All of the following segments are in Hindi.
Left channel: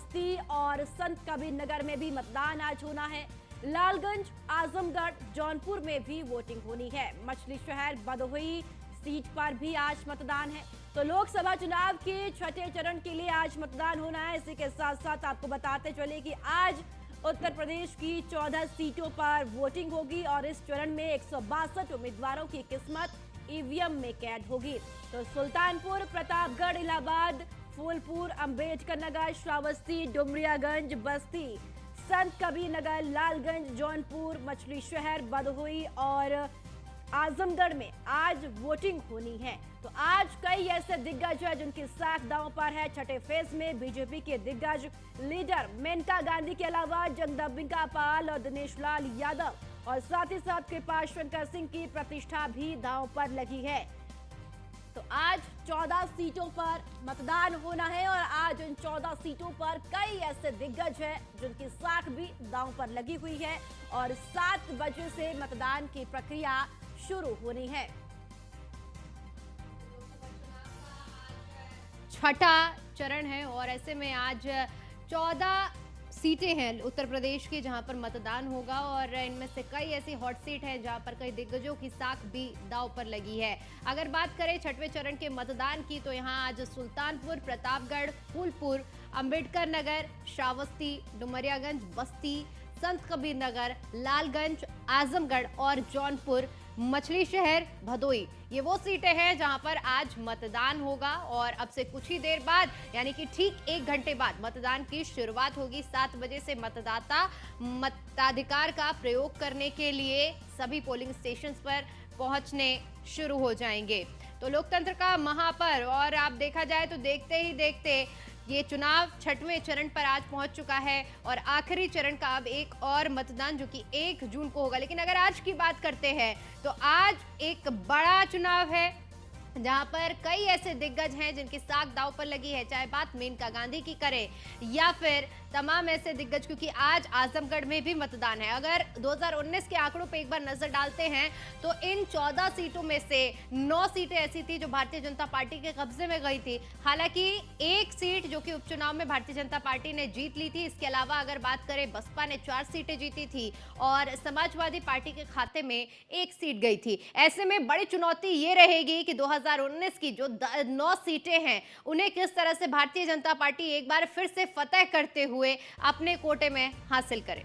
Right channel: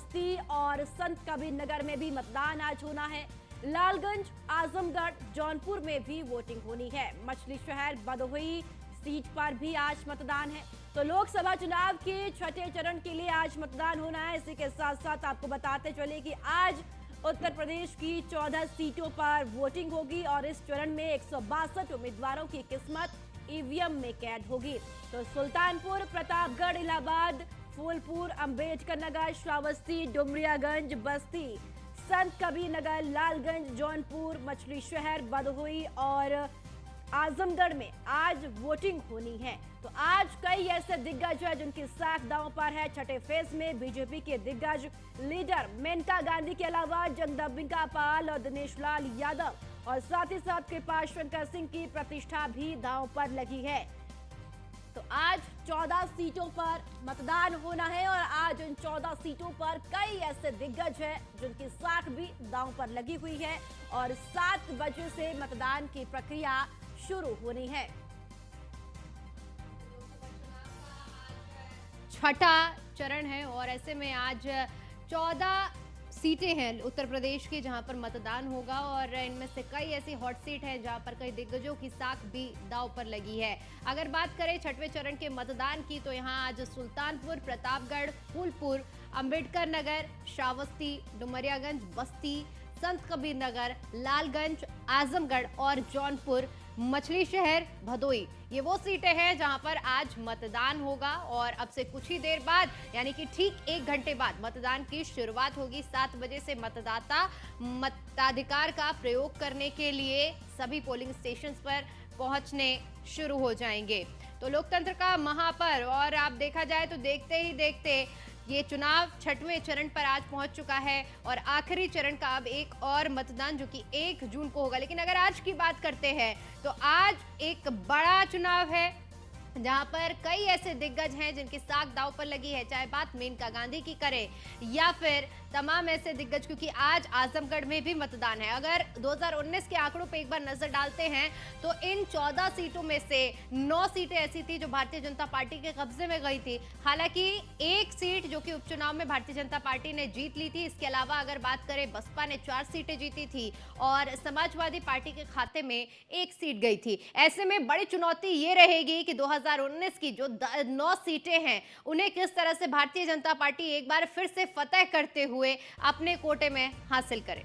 बस्ती और संत कबीर नगर में भी मतदान आज होना है। लालगंज, आजमगढ़, जौनपुर में भी वोटिंग होनी है। मछली शहर भदोही सीट पर भी आज मतदान है। तो लोकसभा चुनाव के छठे चरण के लिए आज मतदान होना है। इसी के साथ साथ आपको बताते चले कि आज उत्तर प्रदेश की 14 सीटों पर वोटिंग होगी और इस चरण में 162 उम्मीदवारों की किस्मत ईवीएम में कैद होगी। तो सुल्तानपुर, प्रतापगढ़, इलाहाबाद, फूलपुर, अंबेडकर नगर, श्रावस्ती, डुमरियागंज, बस्ती, संत कबीर नगर, लालगंज, जौनपुर, मछली शहर, भदोही और आजमगढ़ में आज वोटिंग होनी है। तो आज कई ऐसे दिग्गज हैं जिनकी साख दांव पर है। छठे फेज में बीजेपी के दिग्गज लीडर मेनका गांधी के अलावा जगदम्बिका पाल और दिनेश लाल यादव और साथ ही साथ कृपाल शंकर सिंह की प्रतिष्ठा भी दांव पर लगी है। तो आज 14 सीटों पर मतदान होना है और आज इन 14 सीटों पर कई ऐसे दिग्गज हैं जिनकी साख भी दांव पर लगी हुई है और 7 बजे से मतदान की प्रक्रिया शुरू होनी है। छठा चरण है और ऐसे में आज 14 सीटें हैं उत्तर प्रदेश की जहां पर मतदान होगा और इनमें से कई ऐसी हॉट सीट है जहां पर कई दिग्गजों की साख भी दांव पर लगी है। अगर बात करें छठवें चरण के मतदान की तो यहां आज सुल्तानपुर, प्रतापगढ़, फूलपुर, अंबेडकर नगर, श्रावस्ती, डुमरियागंज, बस्ती, संत कबीर नगर, लालगंज, आजमगढ़ और जौनपुर, मछली शहर, भदोही, ये वो सीटें हैं जहां पर आज मतदान होगा और अब से कुछ ही देर बाद यानी कि ठीक 1 घंटे बाद मतदान की शुरुआत होगी। 7 बजे से मतदाता मताधिकार का प्रयोग करने के लिए सभी पोलिंग स्टेशंस पर पहुंचने शुरू हो जाएंगे। तो लोकतंत्र का महापर्व और आप देखा जाए तो देखते ही देखते ये चुनाव छठवें चरण पर आज पहुंच चुका है और आखिरी चरण का अब एक और मतदान जो कि 1 जून को होगा। लेकिन अगर आज की बात करते हैं तो आज एक बड़ा चुनाव है जहां पर कई ऐसे दिग्गज हैं जिनकी साख दांव पर लगी है, चाहे बात मेनका गांधी की करें या फिर तमाम ऐसे दिग्गज, क्योंकि आज आजमगढ़ में भी मतदान है। अगर 2019 के आंकड़ों पे एक बार नजर डालते हैं तो इन 14 सीटों में से 9 सीटें ऐसी थी जो भारतीय जनता पार्टी के कब्जे में गई थी। हालांकि एक सीट जो कि उपचुनाव में भारतीय जनता पार्टी ने जीत ली थी। इसके अलावा अगर बात करें बसपा ने 4 सीटें जीती थी और समाजवादी पार्टी के खाते में 1 सीट गई थी। ऐसे में बड़ी चुनौती ये रहेगी कि 2019 की जो 9 सीटें हैं उन्हें किस तरह से भारतीय जनता पार्टी एक बार फिर से फतह करते हुए अपने कोटे में हासिल करे।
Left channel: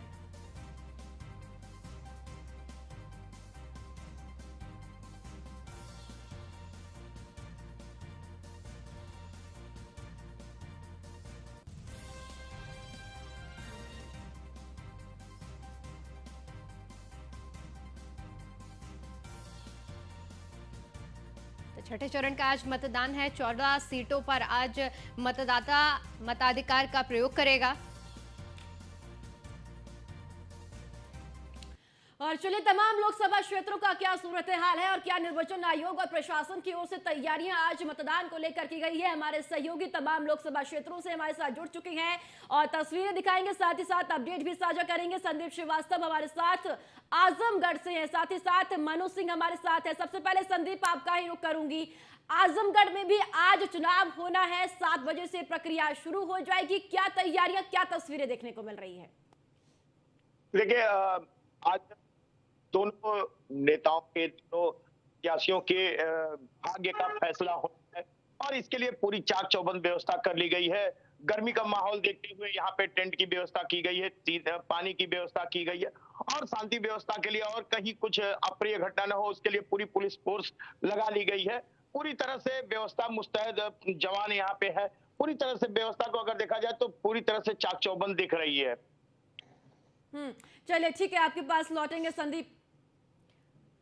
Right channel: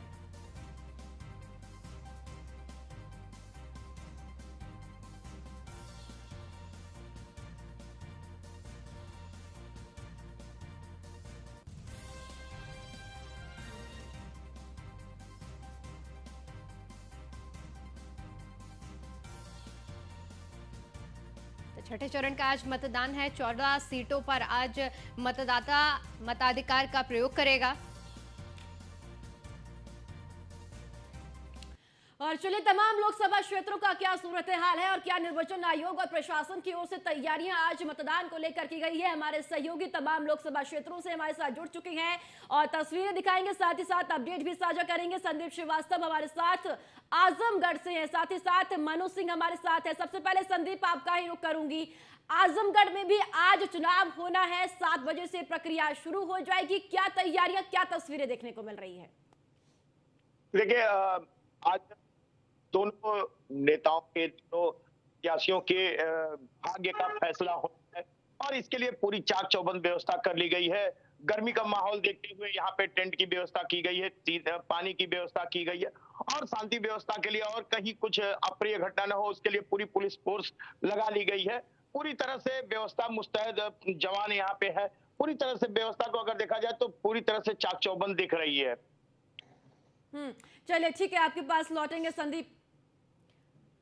छठे चरण का आज मतदान है। 14 सीटों पर आज मतदाता मताधिकार का प्रयोग करेगा। और चलिए तमाम लोकसभा क्षेत्रों का क्या सूरत हाल है और क्या निर्वाचन आयोग और प्रशासन की ओर से तैयारियां आज मतदान को लेकर की गई है। हमारे सहयोगी तमाम लोकसभा क्षेत्रों से हमारे साथ जुड़ चुके हैं और तस्वीरें दिखाएंगे, साथ ही साथ अपडेट भी साझा करेंगे। संदीप श्रीवास्तव हमारे साथ आजमगढ़ से हैं, साथ ही साथ मनु सिंह हमारे साथ है। सबसे पहले संदीप आपका ही रुख करूंगी, आजमगढ़ में भी आज चुनाव होना है, 7 बजे से प्रक्रिया शुरू हो जाएगी। क्या तैयारियां, क्या तस्वीरें देखने को मिल रही है? देखिए आज दोनों नेताओं के, दोनों प्रत्याशियों के भाग्य का फैसला होना है और इसके लिए पूरी चाक चौबंद व्यवस्था कर ली गई है। गर्मी का माहौल देखते हुए यहाँ पे टेंट की व्यवस्था की गई है, पानी की व्यवस्था की गई है और शांति व्यवस्था के लिए और कहीं कुछ अप्रिय घटना न हो उसके लिए पूरी पुलिस फोर्स लगा ली गई है। पूरी तरह से व्यवस्था मुस्तैद जवान यहाँ पे है। पूरी तरह से व्यवस्था को अगर देखा जाए तो पूरी तरह से चाक चौबंद दिख रही है। चलिए ठीक है, आपके पास लौटेंगे संदीप।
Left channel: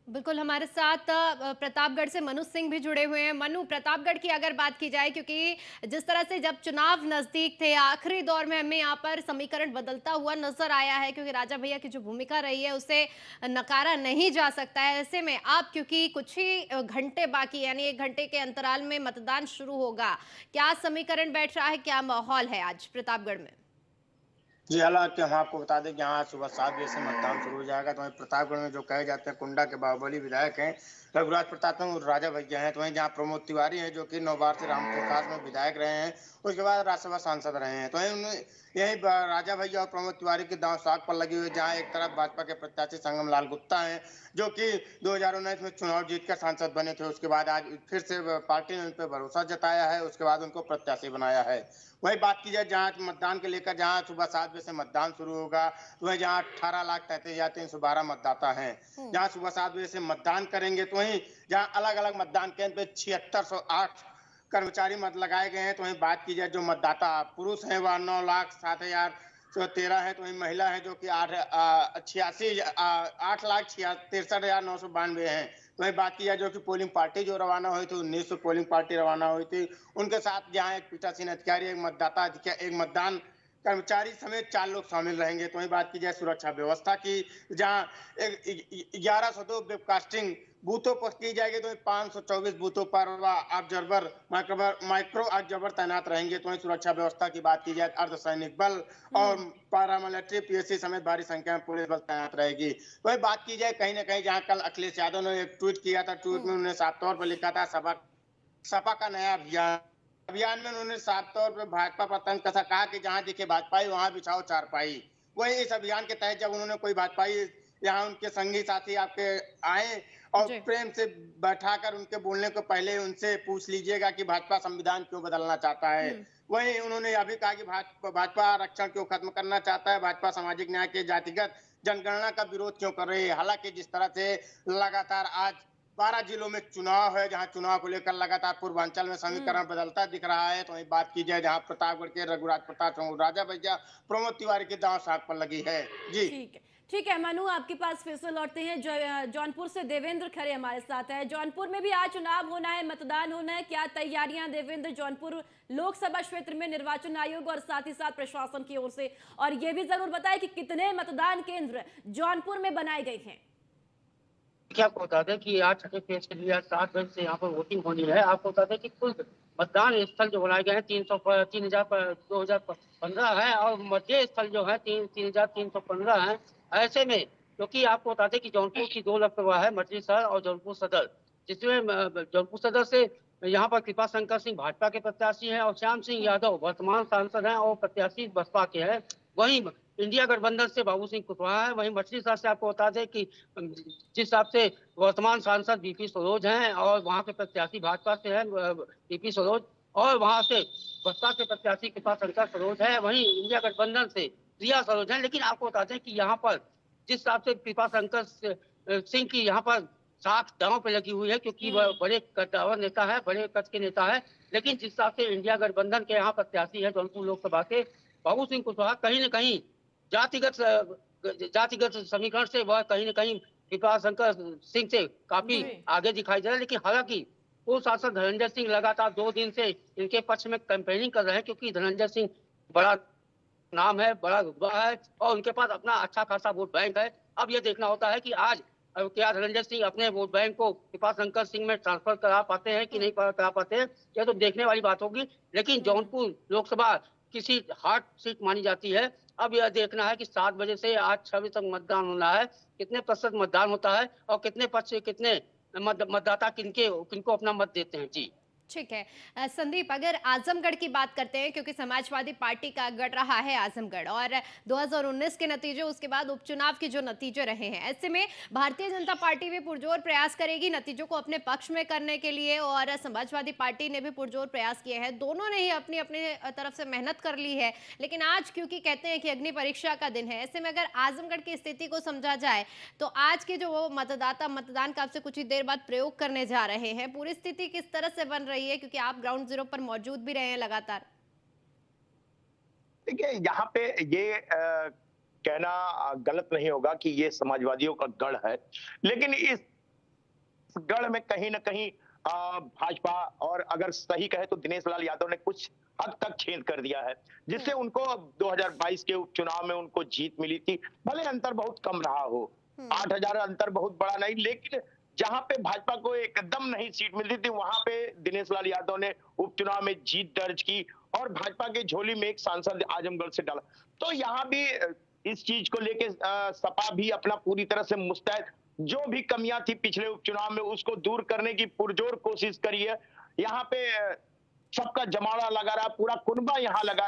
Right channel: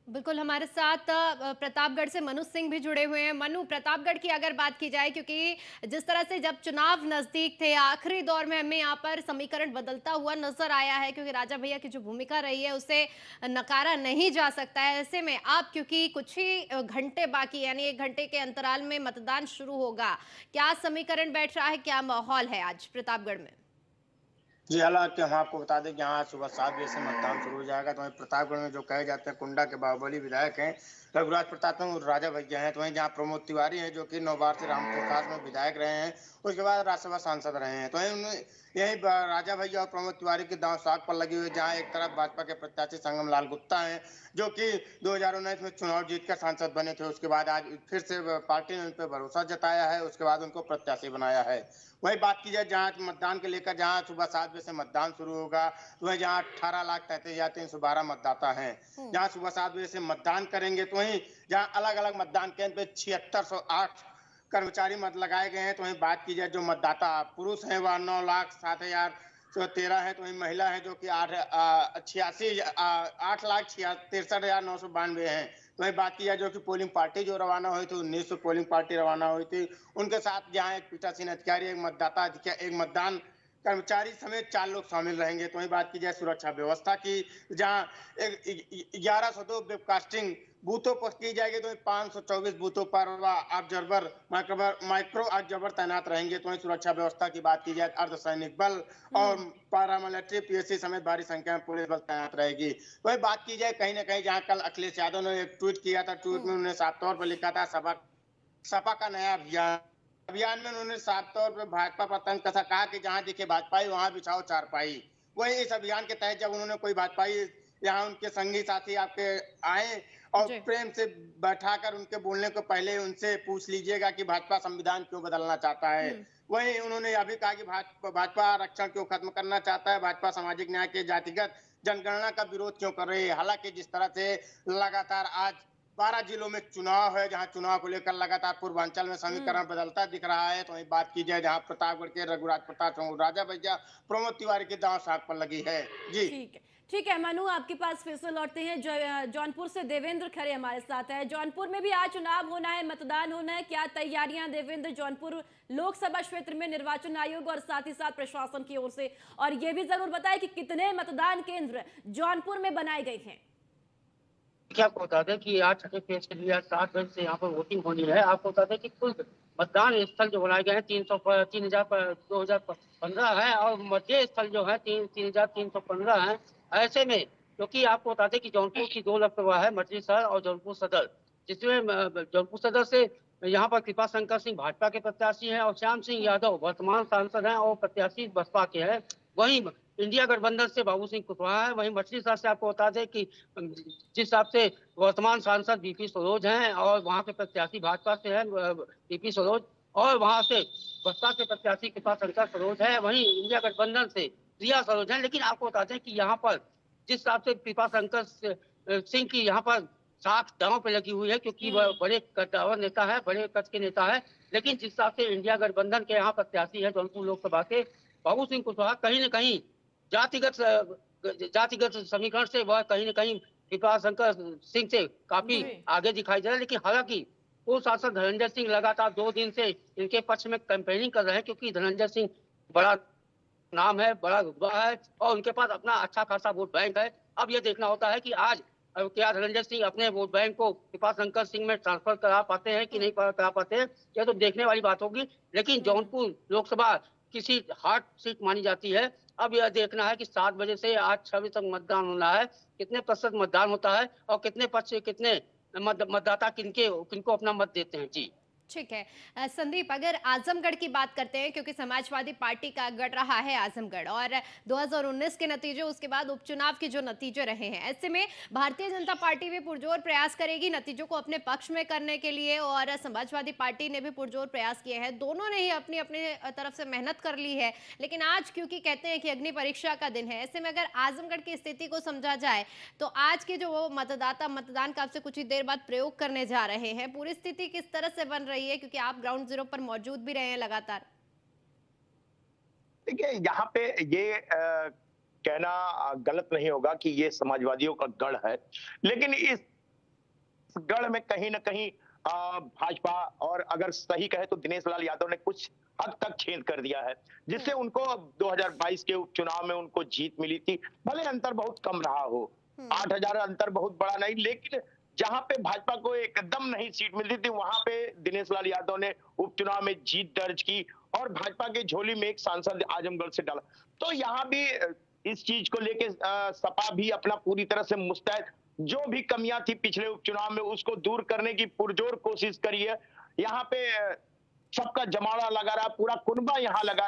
बिल्कुल, हमारे साथ प्रतापगढ़ से मनु सिंह भी जुड़े हुए हैं। मनु, प्रतापगढ़ की अगर बात की जाए, क्योंकि जिस तरह से जब चुनाव नजदीक थे आखिरी दौर में हमें यहाँ पर समीकरण बदलता हुआ नजर आया है, क्योंकि राजा भैया की जो भूमिका रही है उसे नकारा नहीं जा सकता है। ऐसे में आप, क्योंकि कुछ ही घंटे बाकी यानी 1 घंटे के अंतराल में मतदान शुरू होगा, क्या समीकरण बैठ रहा है, क्या माहौल है आज प्रतापगढ़ में? जी, हालाँकि हम आपको बता दें कि यहाँ आज सुबह 7 बजे से मतदान शुरू हो जाएगा। तो वहीं प्रतापगढ़ में जो कहे जाते हैं कुंडा के बाहुबली विधायक हैं, रघुराज प्रताप सिंह राजा भैया हैं। तो वहीं जहाँ प्रमोद तिवारी हैं, जो कि 9 बार से रामपुर खास में विधायक रहे हैं, उसके बाद राज्यसभा सांसद रहे हैं। तो वहीं उन्हें यहीं राजा भैया और प्रमोद तिवारी की दांव साध पर लगी हुई है, जहाँ एक तरफ भाजपा के प्रत्याशी संगम लाल गुप्ता हैं, जो कि 2019 में चुनाव जीतकर सांसद बने थे। उसके बाद आज फिर से पार्टी ने उन पे भरोसा जताया है, उसके बाद उनको प्रत्याशी बनाया है। वहीं बात की जाए जहाँ मतदान के लेकर, जहाँ सुबह 7 बजे से मतदान शुरू होगा, वहीं जहाँ 18,33,312 मतदाता हैं, जहाँ सुबह 7 बजे से मतदान करेंगे। तो वहीं जहाँ अलग अलग मतदान केंद्र पे 7608 कर्मचारी मत लगाए गए हैं। तो वहीं बात की जाए जो मतदाता पुरुष हैं वह 9,07,13 है। तो वहीं महिला है जो कि 8,63,992 हैं। वहीं बात की जाए जो कि पोलिंग पार्टी जो रवाना हुई थी, 1900 पोलिंग पार्टी रवाना हुई थी, उनके साथ जहाँ एक पीठासीन अधिकारी, एक मतदान कर्मचारी समेत 4 लोग शामिल रहेंगे। तो वहीं बात की जाए सुरक्षा व्यवस्था की, जहाँ 1102 वेबकास्टिंग बूथों पर की जाएगी। तो 524 बूथों पर ऑब्जर्वर माइक्रो ऑब्जर्वर तैनात रहेंगे। तो वहीं सुरक्षा व्यवस्था की बात की जाए, अर्धसैनिक बल और पैरामिलिट्री पीएससी समेत भारी संख्या में पुलिस बल तैनात रहेगी। तो वहीं बात की जाए कहीं ना कहीं, जहाँ कल अखिलेश यादव ने एक ट्वीट किया था, ट्वीट में उन्होंने साफ तौर पर लिखा था सपा का नया अभियान में उन्होंने साफ तौर पर भाजपा पर तंज कसा, कहा कि जहां दिखे भाजपाई वहां बिछाओ चारपाई। वहीं इस अभियान के तहत जब उन्होंने कोई भाजपाई यहाँ उनके संगी साथी आपके आए और जी। प्रेम से बैठाकर उनके बोलने को पहले उनसे पूछ लीजिएगा कि भाजपा संविधान क्यों बदलना चाहता है। वहीं उन्होंने यह भी कहा कि भाजपा आरक्षण क्यों खत्म करना चाहता है, भाजपा सामाजिक न्याय के जातिगत जनगणना का विरोध क्यों कर रही है। हालांकि जिस तरह से लगातार आज 12 जिलों में चुनाव है, जहां चुनाव को लेकर लगातार पूर्वांचल में समीकरण बदलता दिख रहा है। तो वहीं बात की जाए जहां प्रतापगढ़ के रघुराज प्रताप सिंह राजा भैया प्रमोद तिवारी की दांव साध पर लगी है। जी ठीक है, ठीक है मनु, आपके पास फिर से लौटते हैं। जौनपुर से देवेंद्र खरे हमारे साथ है। जौनपुर में भी आज चुनाव होना है, मतदान होना है, क्या तैयारियां देवेंद्र जौनपुर लोकसभा क्षेत्र में निर्वाचन आयोग और साथ ही साथ प्रशासन की ओर से? और ये भी जरूर बताएं कि कितने मतदान केंद्र जौनपुर में बनाए गए हैं। क्या आपको बता दें कि आज छठे फेज के लिए आज 7 बजे से यहाँ पर वोटिंग होनी है। आपको बता दें कि कुल मतदान स्थल जो बनाए गए हैं 2015 है और मतदेय स्थल जो है 3,315 है। ऐसे में क्योंकि आपको बता दें कि जौनपुर की 2 लोकसभा है, मछली शहर और जौनपुर सदर, जिसमें जौनपुर सदर से यहाँ पर कृपा शंकर सिंह भाजपा के प्रत्याशी हैं और श्याम सिंह यादव वर्तमान सांसद हैं और प्रत्याशी बसपा के हैं। वहीं इंडिया गठबंधन से बाबू सिंह कुशवाहा है। वहीं मछली शहर से आपको बता दें कि जिस हिसाब से वर्तमान सांसद बीपी सरोज हैं और वहाँ के प्रत्याशी भाजपा से हैं बीपी सरोज, और वहाँ से बसपा के प्रत्याशी कृपा शंकर सरोज है। वहीं इंडिया गठबंधन से प्रिया सरोज है। लेकिन आपको बता दें कि यहाँ पर जिस हिसाब से कृपा शंकर सिंह की यहाँ पर साख दांव पे लगी हुई है, क्योंकि वह बड़े कद्दावर नेता है, बड़े कद के नेता है। लेकिन जिस हिसाब से इंडिया गठबंधन के यहाँ प्रत्याशी है जौनपुर लोकसभा के बाबू सिंह कुशवाहा, कहीं न कहीं जातिगत समीकरण से वह कहीं न कहीं कृपा शंकर सिंह से काफी आगे दिखाई दे रहा है। लेकिन हालांकि पूर्व सांसद धनंजय सिंह लगातार 2 दिन से इनके पक्ष में कैंपेनिंग कर रहे हैं, क्योंकि धनंजय सिंह बड़ा नाम है, बड़ा रुतबा है और उनके पास अपना अच्छा खासा वोट बैंक है। अब यह देखना होता है कि आज क्या धनंजय सिंह अपने वोट बैंक को कृपा शंकर सिंह में ट्रांसफर करा पाते हैं कि नहीं करा पाते हैं, यह तो देखने वाली बात होगी। लेकिन जौनपुर लोकसभा किसी हॉट सीट मानी जाती है। अब यह देखना है कि 7 बजे से आज 6 बजे तक मतदान होना है, कितने प्रतिशत मतदान होता है और कितने पक्ष से कितने मतदाता किनको अपना मत देते हैं। जी ठीक है। संदीप, अगर आजमगढ़ की बात करते हैं, क्योंकि समाजवादी पार्टी का गढ़ रहा है आजमगढ़ और 2019 के नतीजे, उसके बाद उपचुनाव के जो नतीजे रहे हैं, ऐसे में भारतीय जनता पार्टी भी पुरजोर प्रयास करेगी नतीजों को अपने पक्ष में करने के लिए और समाजवादी पार्टी ने भी पुरजोर प्रयास किए हैं। दोनों ने ही अपनी अपने तरफ से मेहनत कर ली है। लेकिन आज क्योंकि कहते हैं कि अग्नि परीक्षा का दिन है, ऐसे में अगर आजमगढ़ की स्थिति को समझा जाए तो आज के जो वो मतदाता मतदान का आपसे कुछ ही देर बाद प्रयोग करने जा रहे हैं, पूरी स्थिति किस तरह से बन रही है, क्योंकि आप ग्राउंड जीरो पर मौजूद भी रहे हैं लगातार? देखिए, यहाँ पे ये कहना गलत नहीं होगा कि ये समाजवादियों का गढ़ है, लेकिन इस गढ़ में कहीं ना कहीं भाजपा, और अगर सही कहे तो दिनेश लाल यादव ने कुछ हद तक छेद कर दिया है, जिससे उनको 2022 के उपचुनाव में उनको जीत मिली थी। भले अंतर बहुत कम रहा हो, 8,000 अंतर बहुत बड़ा नहीं, लेकिन जहां पे भाजपा को एकदम नहीं सीट मिलती थी, वहां पे दिनेश लाल यादव ने उपचुनाव में जीत दर्ज की और भाजपा के झोली में एक सांसद आजमगढ़ से डाला। तो यहाँ भी इस चीज को लेके सपा भी अपना पूरी तरह से मुस्तैद, जो भी कमियां थी पिछले उपचुनाव में उसको दूर करने की पुरजोर कोशिश करी है। यहाँ पे सबका जमावड़ा लगा रहा, पूरा कुनबा यहाँ लगा रहा।